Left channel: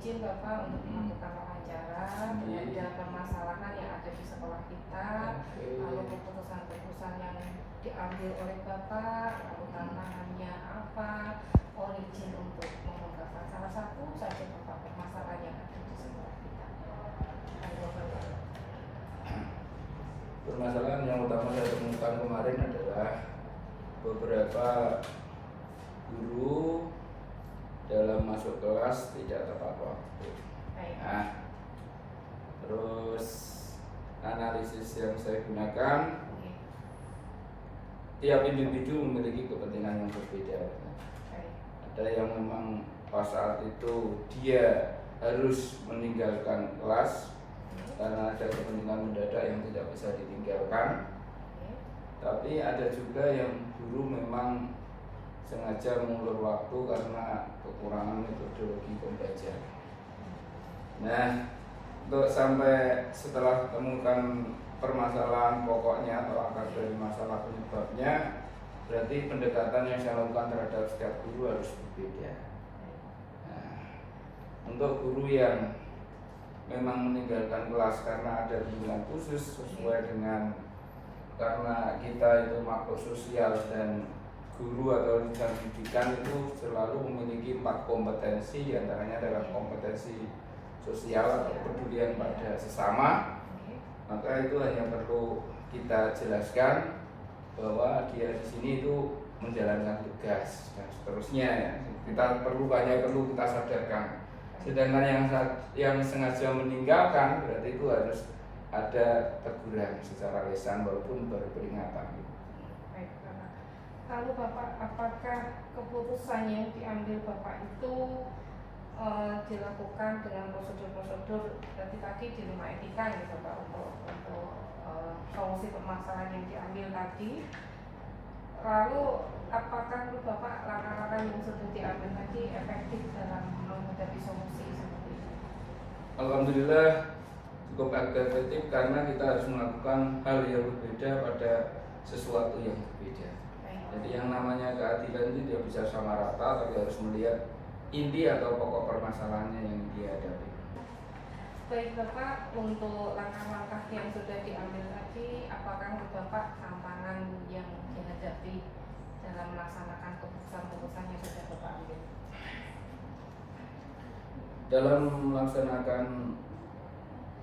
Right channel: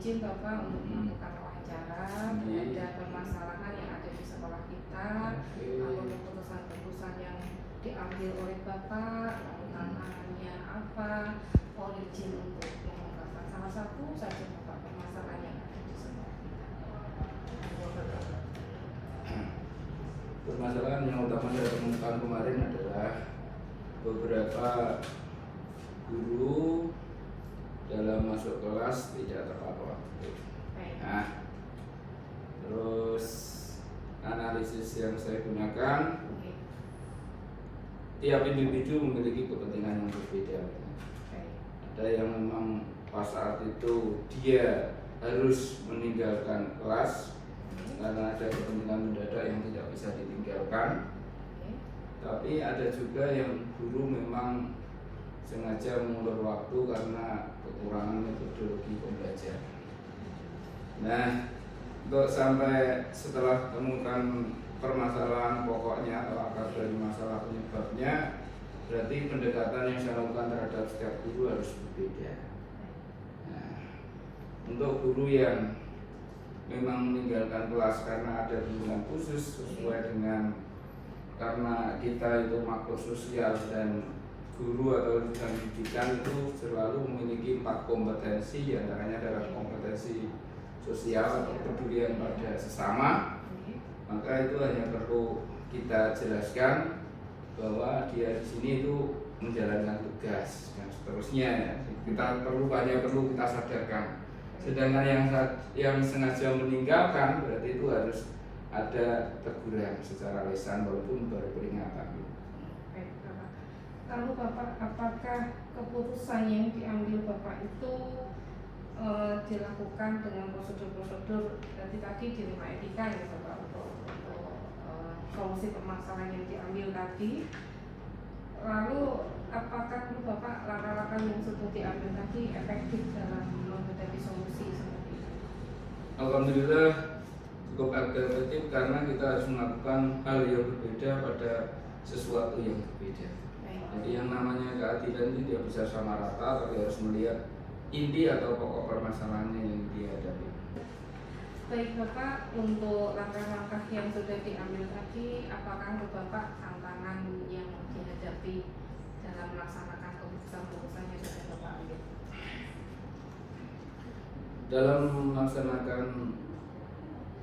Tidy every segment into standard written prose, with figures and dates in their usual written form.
izin Bapak untuk melakukan wawancara terhadap permasalahan yang ada di sekolah kita, lalu keputusan-keputusan yang diambil oleh Bapak, lalu tantangannya apa, mohon izin untuk mengungkapkan salah satu saja Bapak permasalahan yang ada di sekolah kita. Permasalahan yang utama saya temukan kemarin adalah beberapa guru dalam masuk kelas tidak tepat waktu. Nah, terus analisis yang saya gunakan, tiap individu memiliki kepentingan yang berbeda. Ada yang memang pas saat itu dia harus meninggalkan kelas karena ada kepentingan mendadak yang tidak bisa ditinggalkan. Tapi ada juga yang guru memang sengaja mengulur waktu karena kekurangan metodologi pembelajaran. Nah, untuk sampai setelah temukan permasalahan pokoknya atau akar dari masalah penyebabnya, berarti pendekatan yang saya lakukan terhadap setiap guru harus berbeda. Nah, untuk guru yang memang meninggalkan kelas karena ada kebutuhan khusus sesuai dengan, karena kita itu makhluk sosial dan guru atau lingkungan pendidikan itu selalu memiliki 4 kompetensi, antaranya adalah kompetensi sosial atau kepedulian pada sesama. Maka itu hanya perlu kita jelaskan bahwa dia di sini itu menjalankan tugas dan seterusnya ya. Kita hanya perlu kita sadarkan. Sedangkan yang sengaja meninggalkan berarti itu harus ada teguran secara lisan walaupun baru peringatan. Baik, Bapak. Lalu Bapak, apakah keputusan yang diambil Bapak itu dilakukan dengan prosedur-prosedur tadi di 5 etika ya Bapak untuk solusi permasalahan yang diambil tadi? Lalu apakah Bapak langkah-langkah yang sudah diambil tadi efektif dalam menghadapi solusi seperti itu? Alhamdulillah cukup efektif karena kita harus melakukan hal yang berbeda pada sesuatu yang berbeda. Jadi yang namanya keadilan itu tidak bisa sama rata, tapi harus melihat inti atau pokok permasalahannya yang dihadapi. Baik Bapak, untuk langkah-langkah yang sudah diambil tadi, apakah menurut Bapak tantangan yang dihadapi dalam melaksanakan keputusan-keputusan yang sudah Bapak ambil? Dalam melaksanakan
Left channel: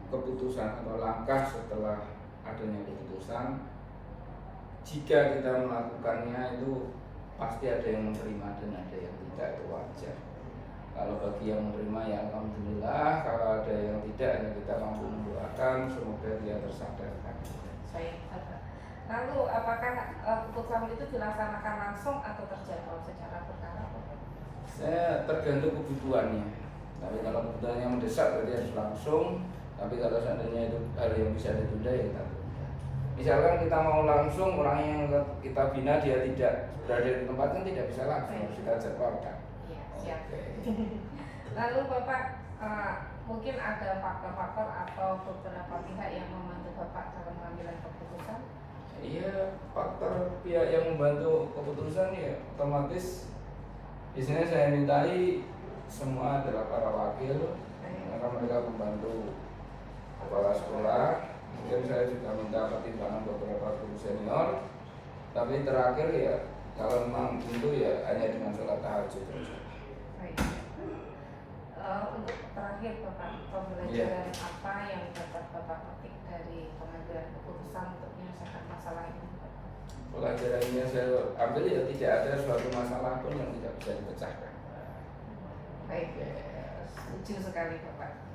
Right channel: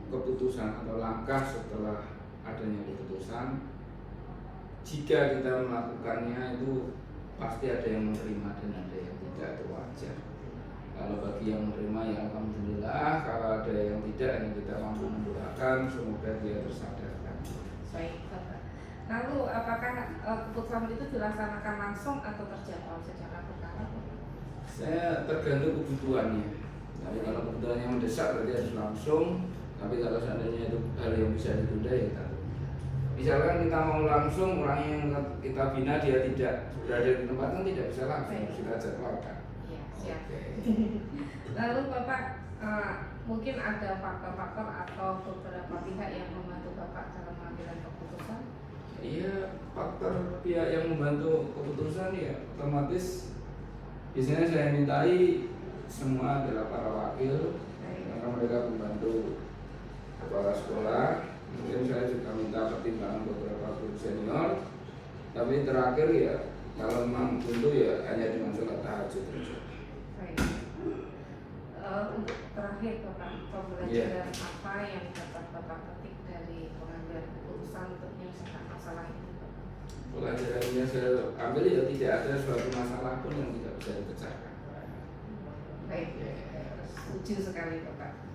keputusan atau langkah setelah adanya keputusan, jika kita melakukannya itu pasti ada yang menerima dan ada yang tidak, itu wajar. Kalau bagi yang menerima ya alhamdulillah, kalau ada yang tidak ya kita mampu mendoakan semoga dia tersadarkan. Baik Bapak. Lalu apakah keputusan itu dilaksanakan langsung atau terjadwal secara berkala? Saya tergantung kebutuhannya. Tapi kalau kebutuhannya mendesak berarti harus langsung. Tapi kalau seandainya itu hal yang bisa ditunda ya kita tunda. Misalkan kita mau langsung, orang yang kita bina dia tidak berada di tempat kan tidak bisa langsung, harus kita jadwalkan. Ya, siap. Oke. Lalu Bapak, mungkin ada faktor-faktor atau beberapa pihak yang membantu Bapak dalam mengambil keputusan? Iya, faktor pihak yang membantu keputusan ya otomatis biasanya saya mintai semua adalah para wakil, karena mereka membantu kepala sekolah. Kemudian saya juga minta pertimbangan beberapa guru senior. Tapi terakhir ya kalau memang buntu ya hanya dengan sholat tahajud saja. Baik. Untuk terakhir Bapak, pembelajaran apa yang dapat Bapak petik dari pengambilan keputusan untuk menyelesaikan masalah ini? Pelajaran ini saya ambil ya tidak ada suatu masalah pun yang tidak bisa dipecahkan. Baik, setuju sekali Bapak.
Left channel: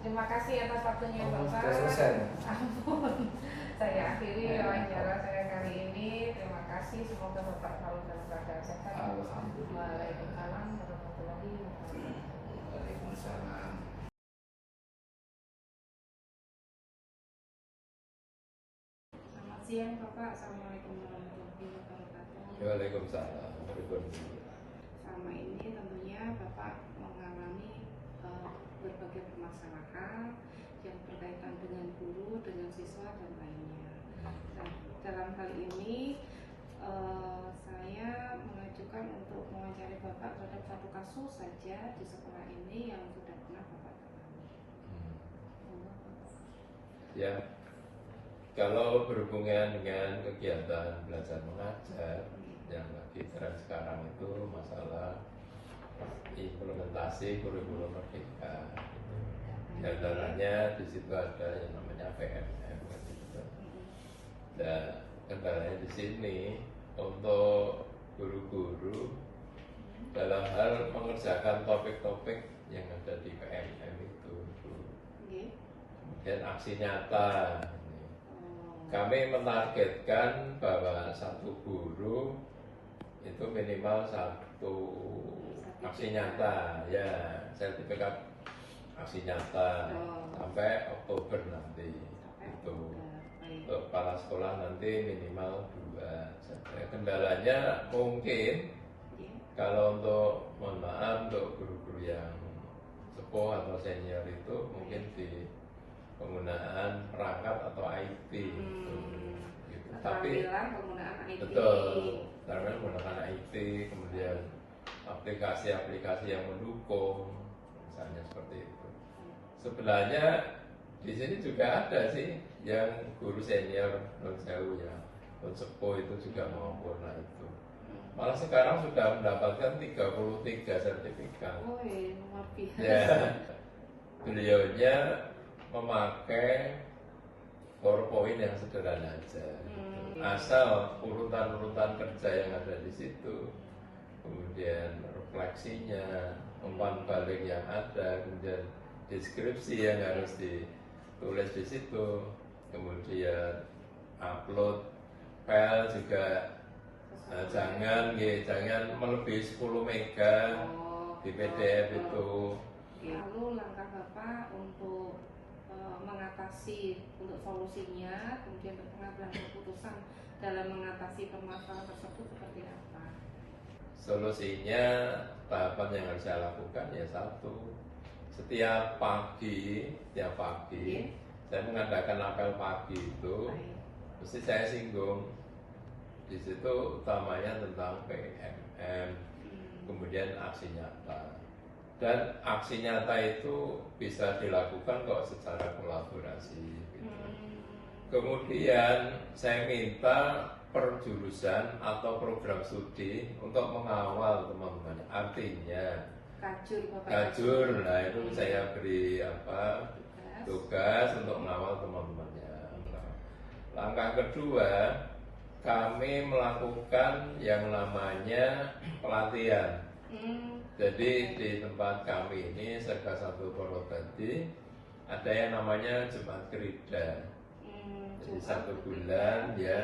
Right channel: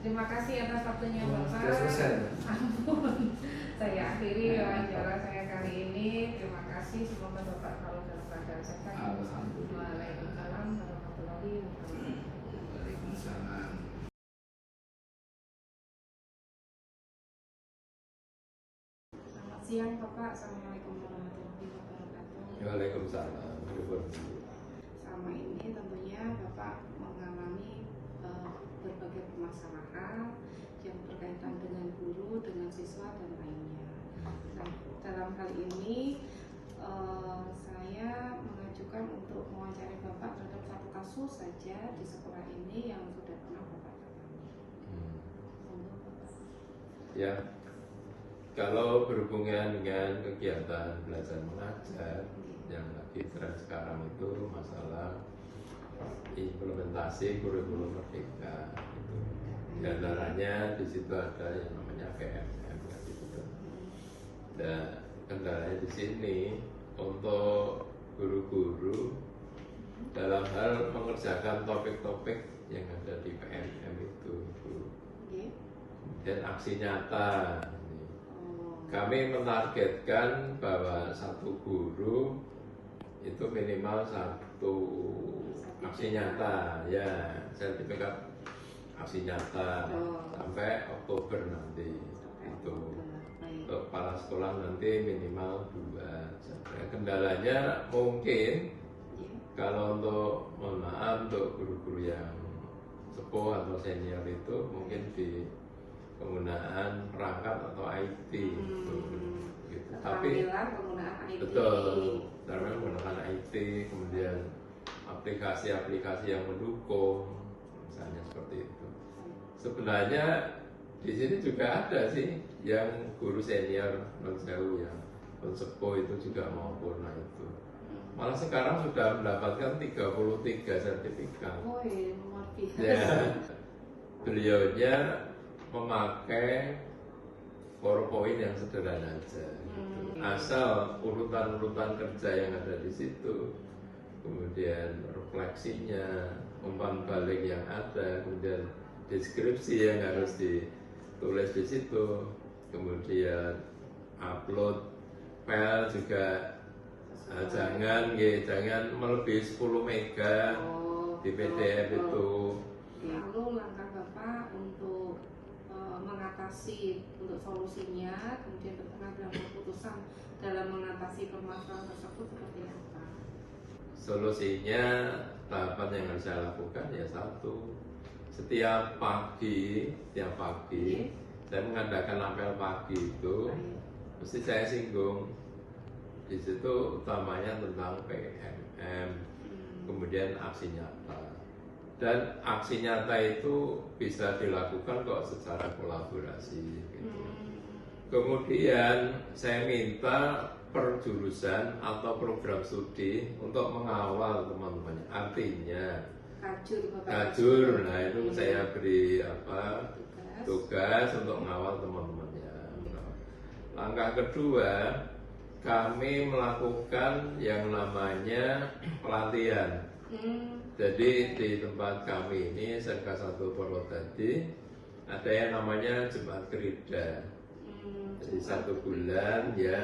Terima kasih atas waktunya Bapak. Sudah selesai. Ampun, saya akhiri wawancara saya kali ini. Terima kasih, semoga Bapak selalu dalam keadaan sehat. Waalaikumsalam warahmatullahi wabarakatuh. Waalaikumsalam. Selamat siang Bapak. Assalamualaikum warahmatullahi wabarakatuh. Waalaikumsalam. Sama ini tentunya Bapak mengalami berbagai permasalahan yang berkaitan dengan guru, dengan siswa dan lainnya. Nah, dalam hal ini saya mengajukan untuk mewawancarai Bapak terhadap satu kasus saja di sekolah ini yang sudah pernah ya. Kalau berhubungan dengan kegiatan belajar mengajar yang lagi tren sekarang itu masalah implementasi kurikulum merdeka itu. Di antaranya di situ ada yang namanya PMM gitu. Dan kendalanya di sini untuk guru-guru dalam hal mengerjakan topik-topik yang ada di PMM itu. Dan aksi nyata. Kami menargetkan bahwa satu guru itu minimal satu aksi nyata, ya sertifikat aksi nyata sampai Oktober nanti itu. Untuk kepala sekolah nanti minimal 2 saja. Kendalanya mungkin kalau untuk, mohon maaf, untuk guru-guru yang sepuh atau senior itu mungkin di penggunaan perangkat atau IT gitu. Tapi penggunaan IT. betul, karena menggunakan IT, kemudian aplikasi-aplikasi yang mendukung, misalnya seperti itu. Sebenarnya di sini juga ada sih yang guru senior non-sewu yang sepuh itu juga maupun itu. Malah sekarang sudah mendapatkan 33 sertifikat. Oh iya, luar biasa. Ya, beliaunya memakai PowerPoint yang sederhana aja. Asal urutan-urutan kerja yang ada di situ, kemudian refleksinya, umpan balik yang ada, kemudian deskripsi yang harus ditulis di situ, kemudian upload file juga jangan melebihi 10 mega di PDF itu. Lalu langkah Bapak untuk mengatasi, untuk solusinya, kemudian pengambilan keputusan dalam mengatasi permasalahan tersebut seperti apa? Solusinya, tahapan yang harus saya lakukan ya satu, setiap pagi saya mengadakan apel pagi itu mesti saya singgung di situ, utamanya tentang PMM, kemudian aksi nyata. Dan aksi nyata itu bisa dilakukan kok secara kolaborasi gitu. Kemudian saya minta per jurusan atau program studi untuk mengawal teman-teman. Artinya kajur, nah itu saya beri tugas untuk mengawal teman-temannya. Langkah kedua, kami melakukan yang namanya pelatihan. Jadi di tempat kami ini Serga 1 Purwodadi ada yang namanya Jumat Krida. Jadi 1 bulan ya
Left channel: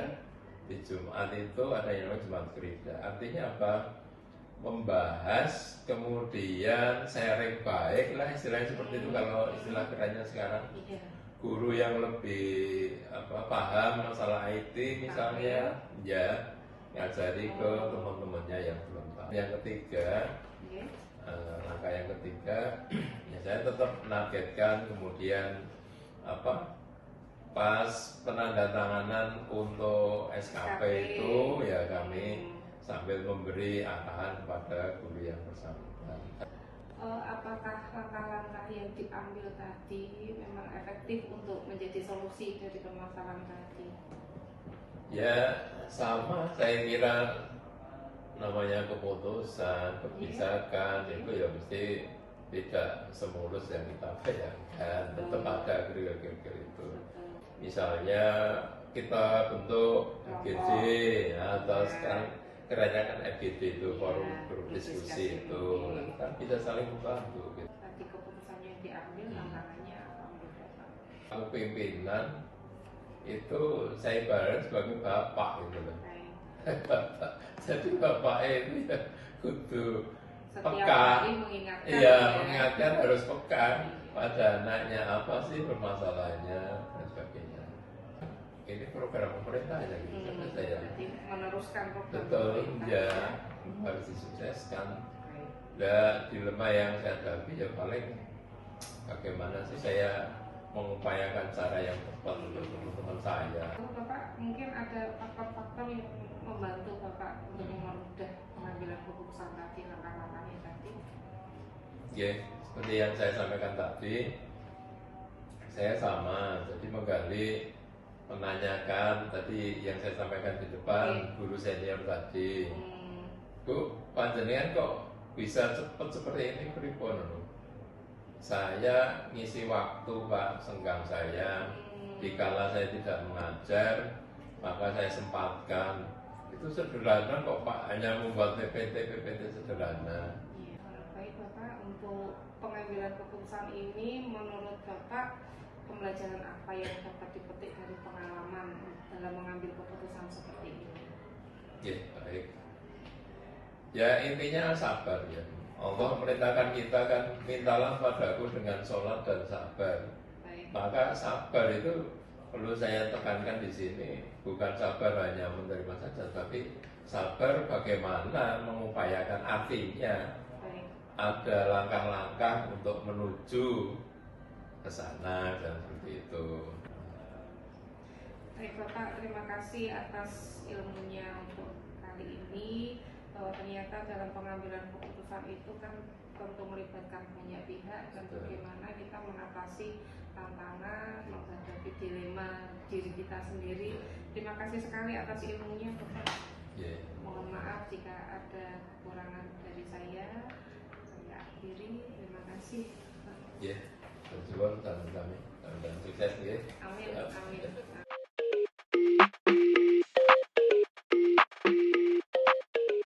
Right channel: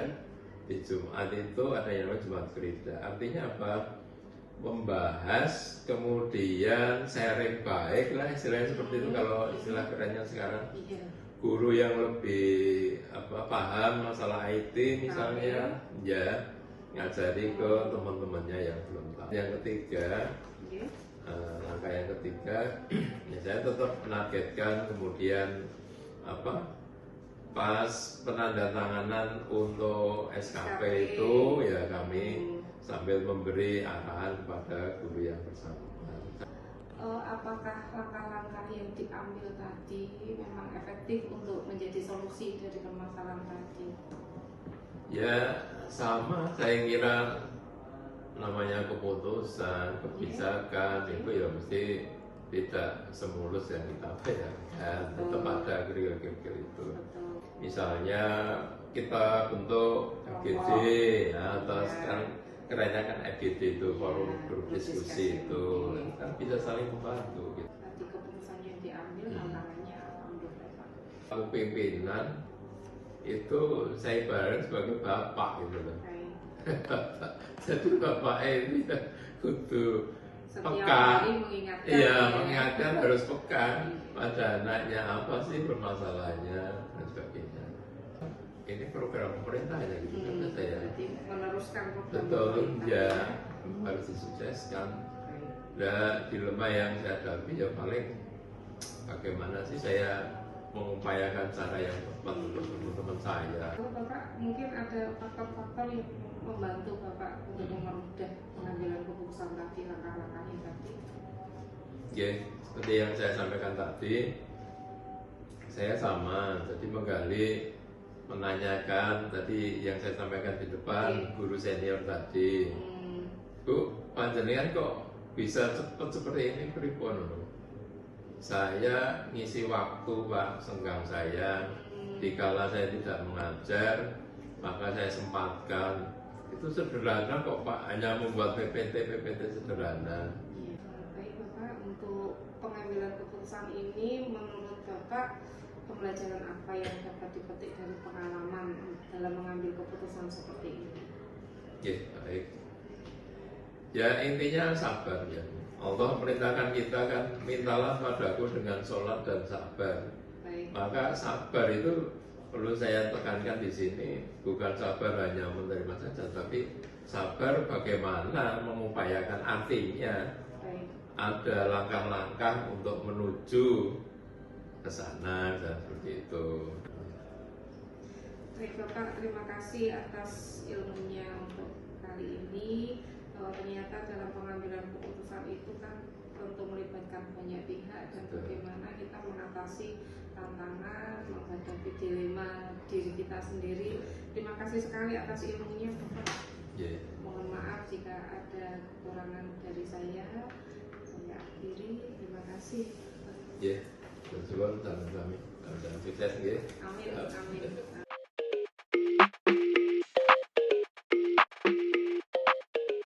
di Jumat itu ada yang namanya Jumat Krida. Artinya apa? Membahas, kemudian sharing baik lah, istilahnya seperti itu kalau istilah kerennya sekarang. Guru yang lebih paham masalah IT misalnya, ya ngajari ke teman-temannya yang belum tahu. Yang ketiga, langkah yang ketiga, ya saya tetap menargetkan kemudian pas penandatanganan untuk SKP itu ya kami sambil memberi arahan kepada guru yang bersangkutan. Apakah langkah-langkah yang diambil tadi memang efektif untuk menjadi solusi dari permasalahan tadi? Ya sama, saya kira namanya keputusan, kebijakan itu ya mesti tidak semulus yang kita bayangkan, tetap ada geril-geril itu. Misalnya kita bentuk FGD ya, atau sekarang kerennya kan FGD itu forum grup diskusi itu, kan bisa saling membantu gitu. Tadi keputusan yang diambil tantangannya apa menurut Bapak? Aku pimpinan itu saya ibaratkan sebagai bapak gitu loh. Jadi bapak itu ya kudu peka, iya mengingatkan harus peka pada anaknya apa sih permasalahannya dan sebagainya. Ini program pemerintah ya gitu kan saya. Meneruskan program betul pemerintah. Ya harus disukseskan. Dan dilema yang saya hadapi ya paling bagaimana sih saya mengupayakan cara yang tepat untuk teman-teman saya. Bapak mungkin ada faktor-faktor yang membantu Bapak untuk mempermudah pengambilan keputusan tadi, langkah-langkahnya tadi. Oke, seperti yang saya sampaikan tadi, saya sama, jadi menggali, menanyakan tadi yang saya sampaikan di depan guru senior tadi. Bu, panjenengan kok bisa cepet seperti ini pripun lho? Saya ngisi waktu Pak, senggang saya. Dikala saya tidak mengajar, maka saya sempatkan. Itu sederhana kok Pak, hanya membuat PPT sederhana. Baik Bapak, untuk pengambilan keputusan ini menurut Bapak pembelajaran apa yang dapat dipetik dari pengalaman dalam mengambil keputusan seperti ini? Ya, baik. Ya intinya sabar ya. Allah merintahkan kita kan, mintalah padaku dengan sholat dan sabar. Baik. Maka sabar itu perlu saya tekankan di sini, bukan sabar hanya menerima saja, tapi sabar bagaimana mengupayakan, artinya Baik. ada langkah-langkah untuk menuju ke sana dan seperti itu. Baik Bapak, terima kasih atas ilmunya untuk kali ini, bahwa ternyata dalam pengambilan keputusan itu kan tentu melibatkan banyak pihak dan bagaimana kita mengatasi tantangan, menghadapi dilema diri kita sendiri. Terima kasih sekali atas ilmunya Bapak. Yeah. Mohon maaf jika ada kekurangan dari saya akhiri. Terima kasih. Ya, terima kasih, sukses ya. Amin.